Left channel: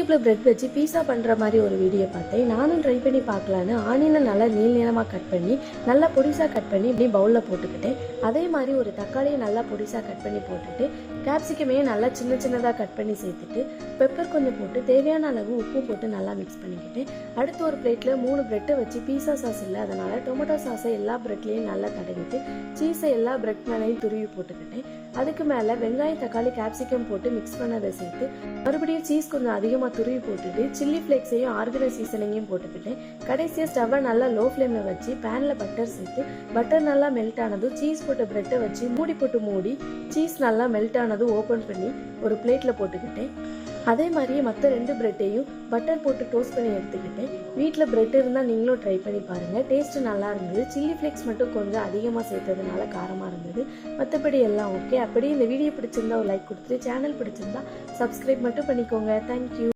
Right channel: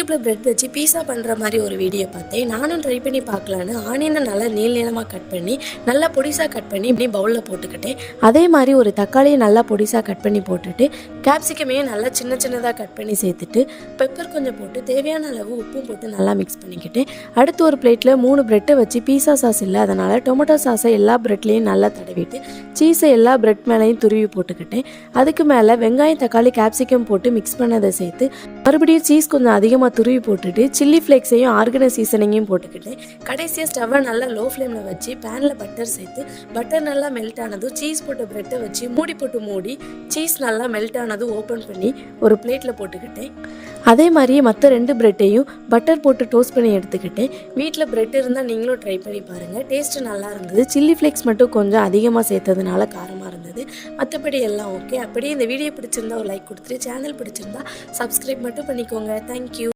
யூடியூப்ல பிரெட் வச்சு பீஸா பண்ணுற மாதிரி ஒரு வீடியோ பார்த்தேன். நானும் ட்ரை பண்ணி பார்க்கலான்னு ஆனியனை நல்லா நீளமாக கட் பண்ணி நல்லா பொடிசாக கட் பண்ணி இப்படி பவுலில் போட்டுக்கிட்டேன். அதே மாதிரி ஒரு தக்காளியை நல்லா பொடிசாக கட் பண்ணி போட்டுட்டு கேப்சிகமையும் நல்லா சின்ன சின்னதாக கட் பண்ணி சேர்த்துட்டு பெப்பர் கொஞ்சம் போட்டு தேவையான அளவு உப்பும் போட்டு நல்லா மிக்ஸ் பண்ணிக்கிட்டேன். அடுத்து ஒரு பிளேட்டில் 3 பிரெட்டை வச்சு பீஸா சாஸ் இல்லை, அதனால் டொமேட்டோ சாஸை எல்லா பிரெட்லேயும் நல்லா தடவிட்டு சீஸை எல்லா பிரெட் மேலேயும் துருவி போட்டுக்கிட்டேன். அதுக்கு மேலே வெங்காயம் தக்காளி கேப்சிகம் போட்டு மிக்ஸ் பண்ணதை சேர்த்து மறுபடியும் சீஸ் கொஞ்சம் அதிகமாக துருவி போட்டுட்டு சில்லி ஃப்ளேக்ஸையும் ஆர்கனைஸ் சீசனிங்கையும் போட்டுக்கிட்டேன். கடைசியாக ஸ்டவ்வை நல்லா லோ ஃப்ளேமில் வச்சு பேனில் பட்டர் சேர்த்து பட்டர் நல்லா மெல்ட் ஆனதும் சீஸ் போட்ட பிரெட்டை வச்சு மூடி சீஸ் நல்லா மெல்ட் ஆனதும் ஓப்பன் பண்ணி ஒரு பிளேட்டில் போட்டுக்கிட்டேன். அதே மாதிரியே மற்ற 2 பிரெட்டையும் பட்டர் போட்டு டோஸ்ட் பண்ணி எடுத்துக்கிட்டேன். வீட்டில் பிரெட் இருந்தால் நீங்களும் ட்ரை பண்ணி பாருங்கள். டேஸ்ட்டு நல்லா இருந்தது. சில்லி ஃப்ளேக்ஸ் மட்டும் கொஞ்சம் அதிகமாக சேர்த்ததுனால காரமாக இருந்தது. மற்றபடி எல்லாம் ஓகே. அப்படியே இந்த வீடியோ பிடிச்சிருந்தா ஒரு லைக் கொடுத்துட்டு சேனல் பிடிச்சிருந்தா சப்ஸ்கிரைப் மட்டும் பண்ணிக்கோங்க. தேங்க்யூ.